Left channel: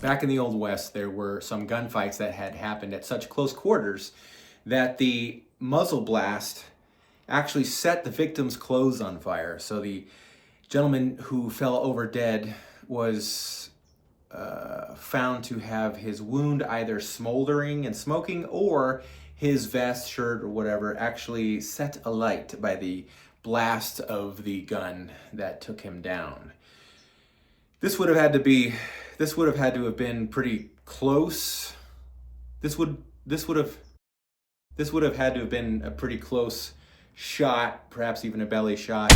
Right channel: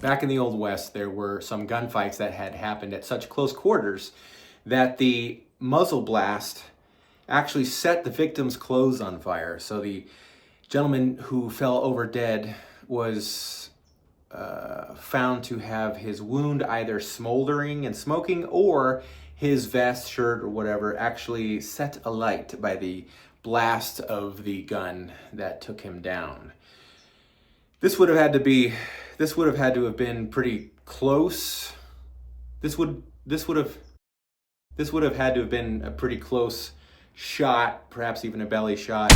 Back in the Old West, there were some gunfights that had happened at such close quarters that the muzzle blast actually set the victim's clothes on fire. So the gentleman who fell over dead was found to have his wound either smoldering and smoking, or his vest, shirt, or whatever actually set alight by the blast of the gun that took him down. This would have had to have been pretty close. This would have had to have been a pretty close shot, perhaps even a belly shot.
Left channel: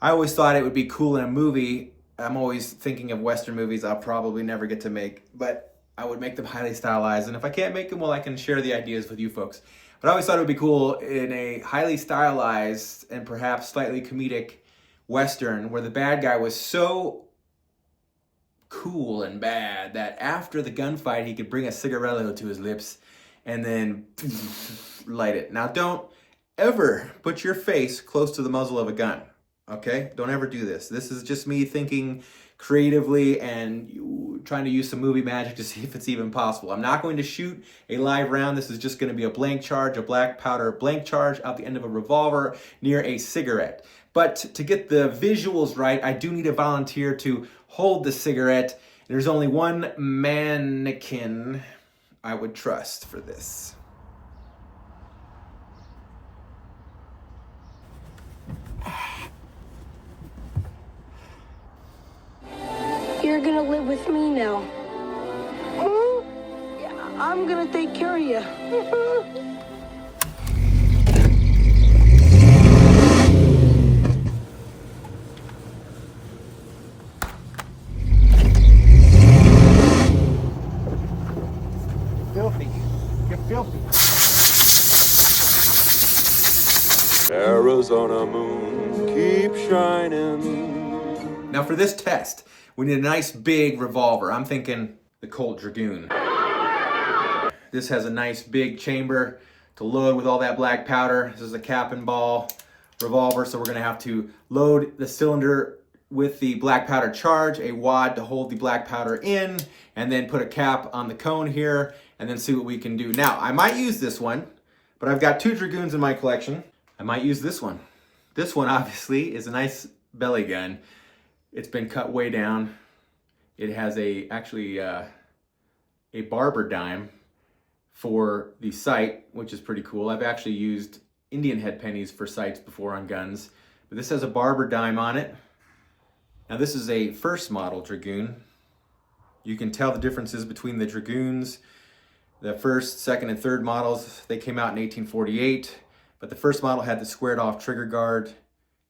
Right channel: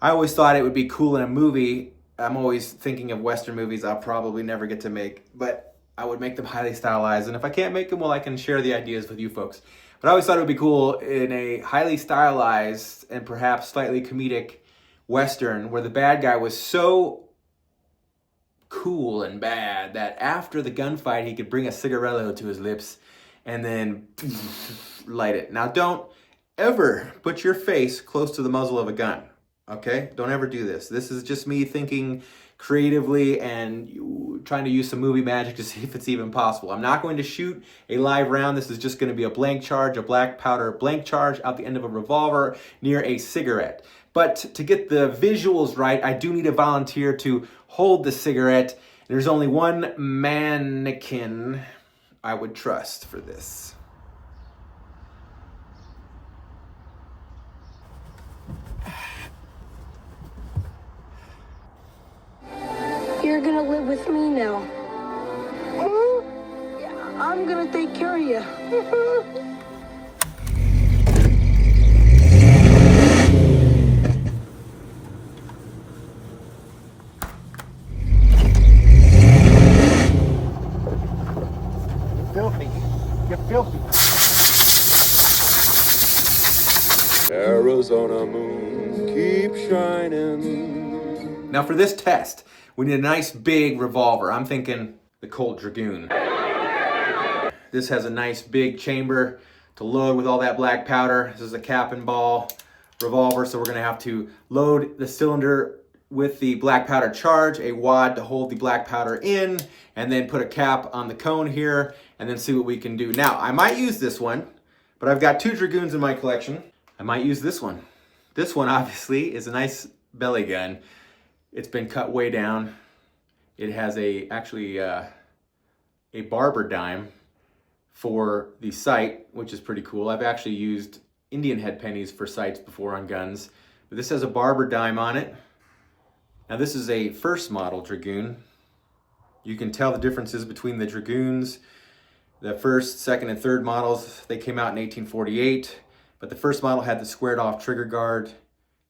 I always thought it would be cool in a movie. I'm always thinking of Western movies I'll probably never get to make, but I would make them highly stylized. And if I can't make them, well, I can share the ideas with you folks. But I always thought it would be cool in a highly stylized and perhaps slightly comedic Western where the bad guy was so cool and bad that after the gunfight, he could bring a cigarillo to his lips and then light it. Now, don't ever put your face close to the muzzle of a gun, okay? Don't ever do this. This is just me thinking creatively and trying to use some movie magic to see if it's even possible. I'm not going to shoot a live round. This is just going to be a blank charge, a black powder blank charge out the end of a revolver near a cigarette. But to get the visuals right, I do need a volunteer to hold the cigarette. There's only one mannequin I would trust for this. You're gonna live with me now. Yeah, I'm gonna take care of you. Filthy. You're filthy. Arizona moon, keep shining. Now for this test, we need a nice big revolver. I'm thinking the Colt Dragoon. This has a nice big chamber to load with all that black powder. This is a cap and ball revolver, so we're gonna have to load the cylinder with the black powder charge, a wad to hold the black powder in, and then put a cap on the cone here, and then see what we can do. Now, I might use this one, but I've got 2 Dragoons in my collection. I might use this one. This one, obviously, is a nice belly gun. It's been cut way down. It has actually a barber dime for the sight, which is pretty cool. I've actually used Indian head pennies for sights before on guns, but this has a barber dime on it. Now this is a first model Dragoon. You can tell the differences between the Dragoons. The first, second, and third models, they came out in 1848, but the first model had the squared off trigger guard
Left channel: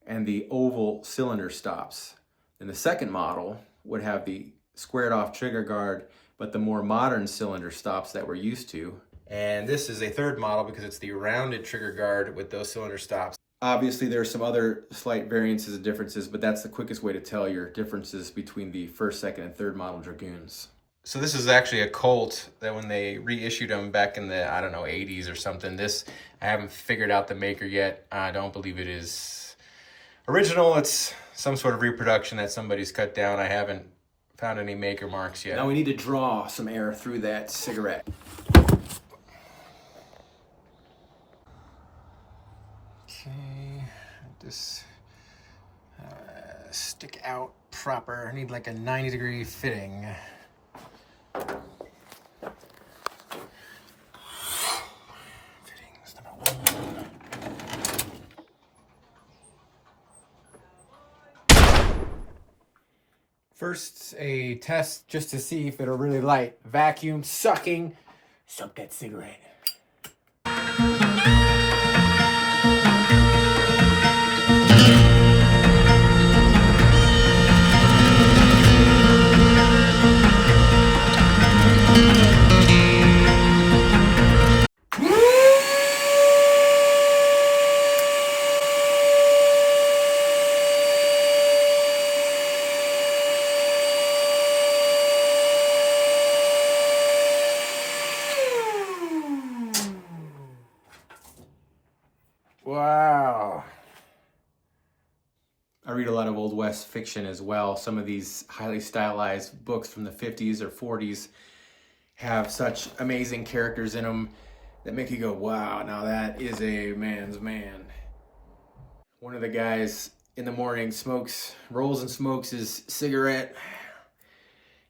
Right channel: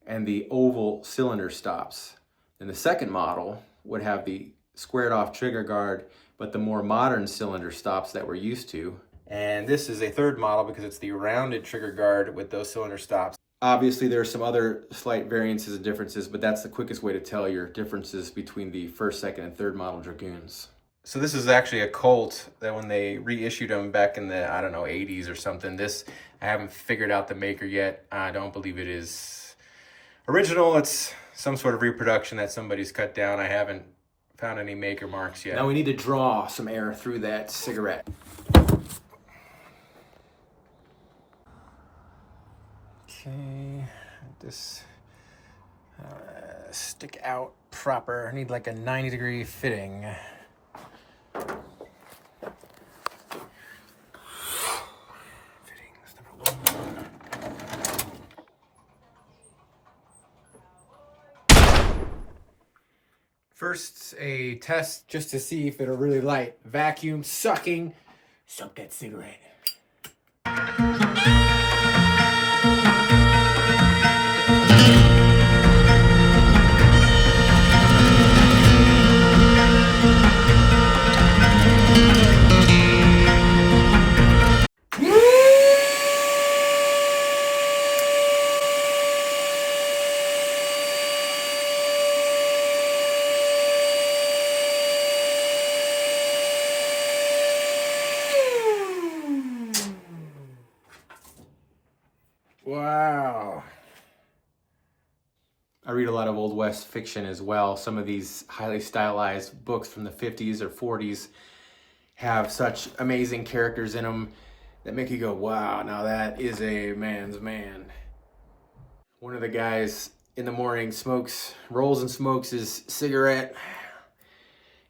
and the oval cylinder stops. And the second model would have the squared off trigger guard, but the more modern cylinder stops that we're used to. And this is a third model because it's the rounded trigger guard with those cylinder stops. Obviously, there are some other slight variances and differences, but that's the quickest way to tell your differences between the first, second, and third model Dragoons. So this is actually a Colt that when they reissued them back in the, 80s or something. This, I haven't figured out the maker yet. I don't believe it is original. It's some sort of reproduction that somebody's cut down. I haven't found any maker marks yet. Now we need to draw some air through that cigarette. Okay, this stick out proper. I need like a 90-degree fitting. Fittings number 1. First, a test just to see if it'll really light. Vacuum sucking. Suck that cigarette. Old West fiction as well. Some of these highly stylized books from the 50s or 40s have such amazing characters in them that make you go, wow, now that is a man's man. One of the guys in the morning rolls and smokes his cigarette,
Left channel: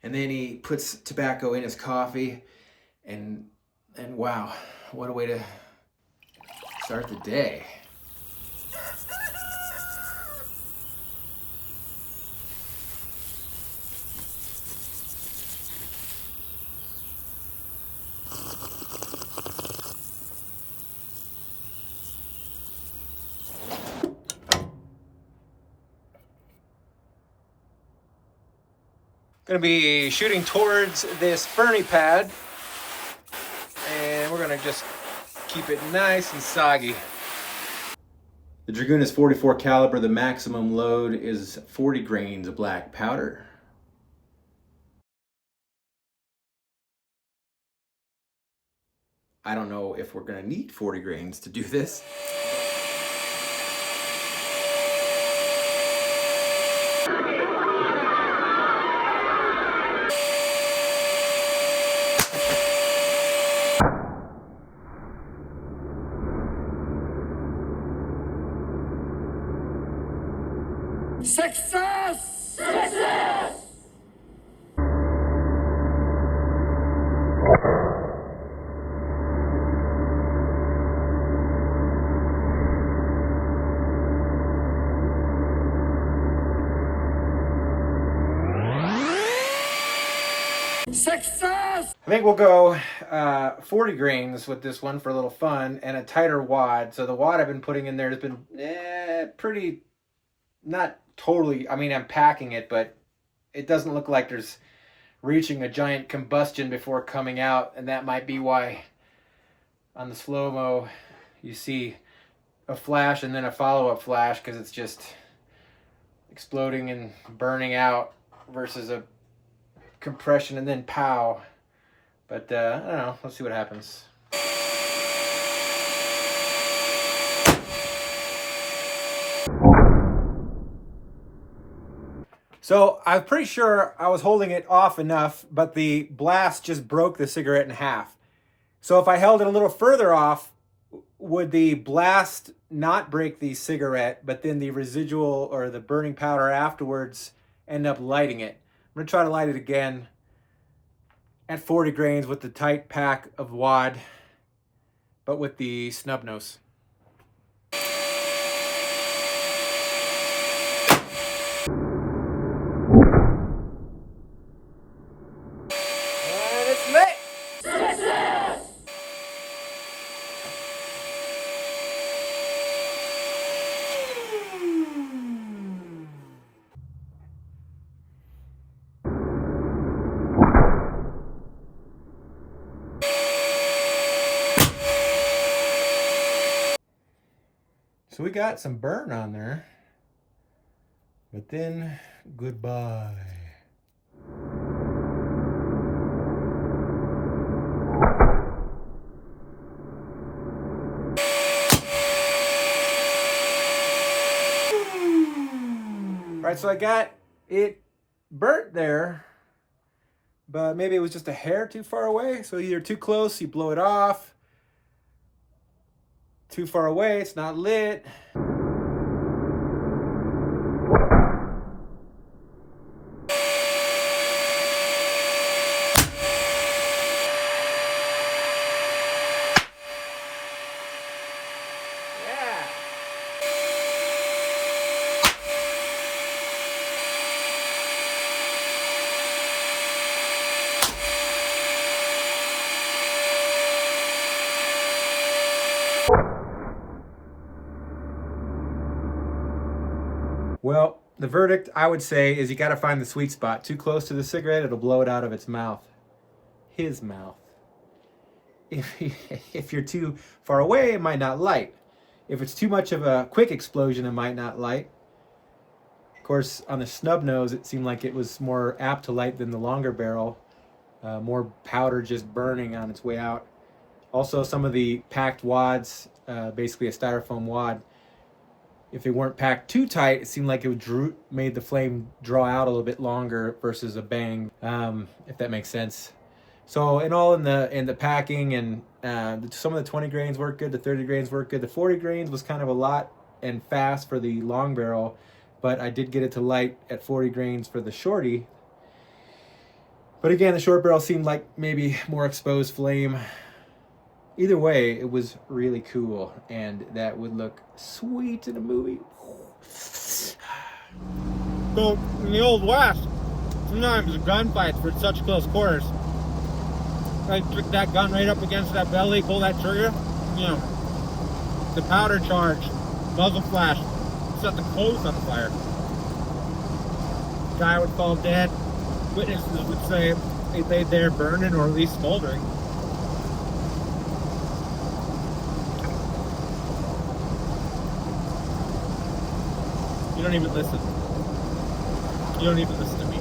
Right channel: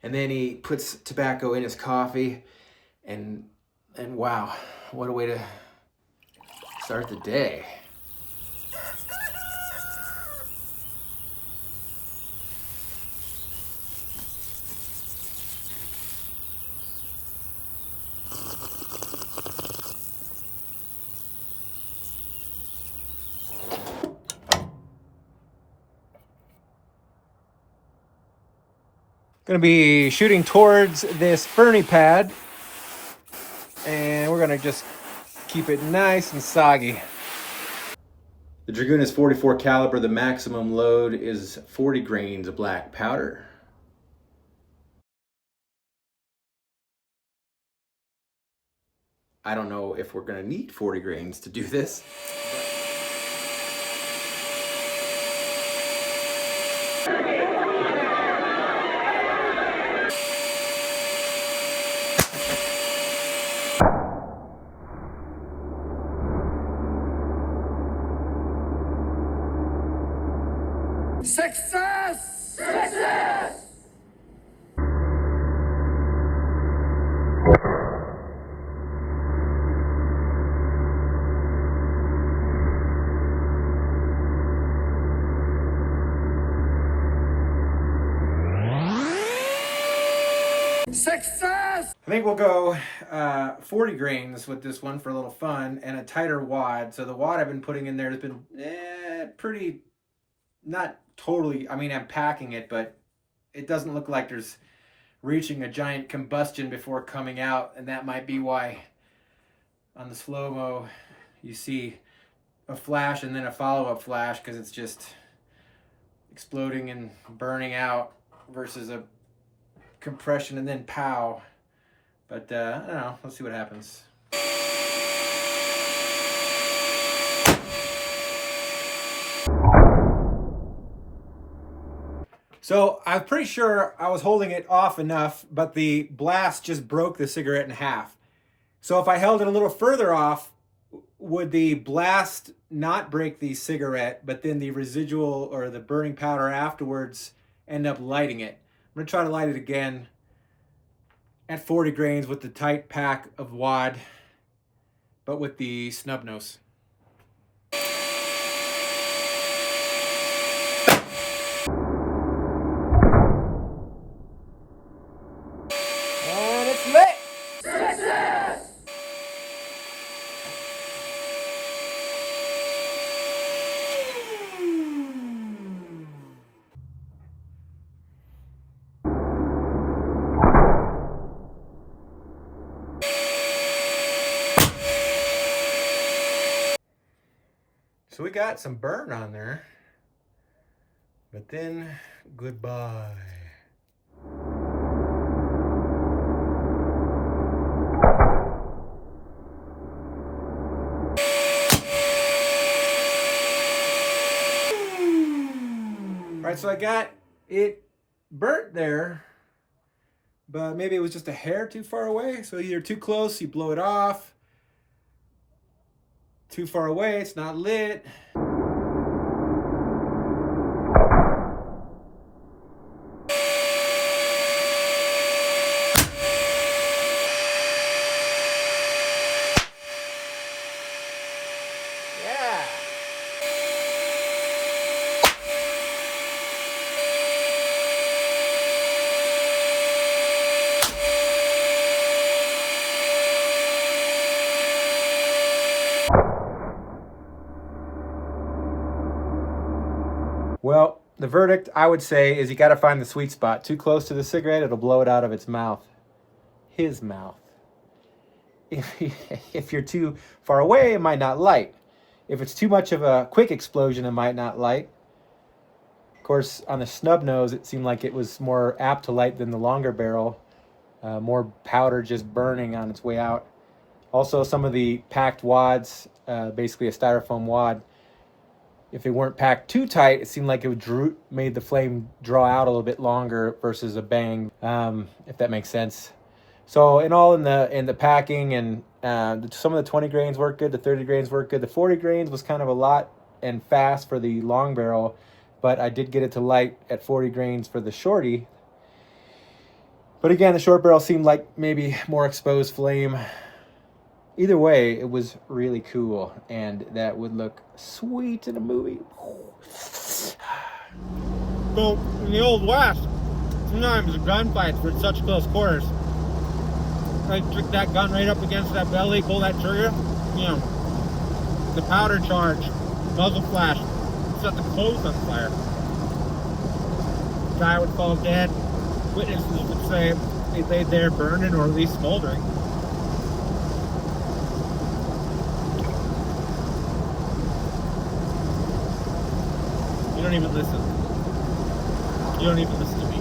and then he puts tobacco in his coffee, and wow, what a way to start the day. Gonna be shooting towards this Fernie pad, and we're gonna just keep it nice and soggy. The Dragoon is 44 caliber. The maximum load is 40 grains of black powder. I don't know if we're gonna need 40 grains to do this. Success! Success! Success! I think we'll go 40 grains with this one for a little fun, and a tighter wad. So the wad I've been putting in there has been pretty, not totally, I mean, I'm packing it, but it doesn't look like there's reaching a giant combustion before coming out, and that might be why on the slow-mo you see a flash and then a follow-up flash, because it's just exploding and burning out versus a compression and then pow. But I don't know, let's see what happens. So I'm pretty sure I was holding it off enough, but the blast just broke the cigarette in half. So if I held it a little further off, would the blast not break the cigarette, but then the residual or the burning powder afterwards end up lighting it? I'm gonna try to light it again at 40 grains with the tight pack of wad, but with the snub nose. So we got some burn on there, but then goodbye. All right, so I got it burnt there, but maybe it was just a hair too far away. So either too close, you blow it off. Too far away, it's not lit. Yeah. Well, the verdict, I would say, is you got to find the sweet spot. Too close to the cigarette, it'll blow it out of its mouth. His mouth. If you're too far away, it might not light. If it's too much of a quick explosion, it might not light. Of course, on the snub nose, it seemed like it was more apt to light than the longer barrel. More powder just burning on its way out. Also, some of the packed wads, basically a styrofoam wad, if they weren't packed too tight, it seemed like it made the flame draw out a little bit longer versus a bang, if that makes sense. So in the packing, and some of the 20 grains worked good, the 30 grains worked good. The 40 grains was kind of a lot and fast for the long barrel, but I did get it to light at 40 grains for the shorty. But again, the short barrel seemed like maybe more exposed flame. Either way, it was really cool, and that would look sweet in a movie. So, in the Old West, sometimes gunfights were at such close quarters. Like, trick that gun right up against that belly, pull that trigger, you know, the powder charge, muzzle flash, set the clothes on fire. Guy would fall dead. Witnesses would say they laid there burning or at least smoldering. You don't even listen. You don't even listen to me.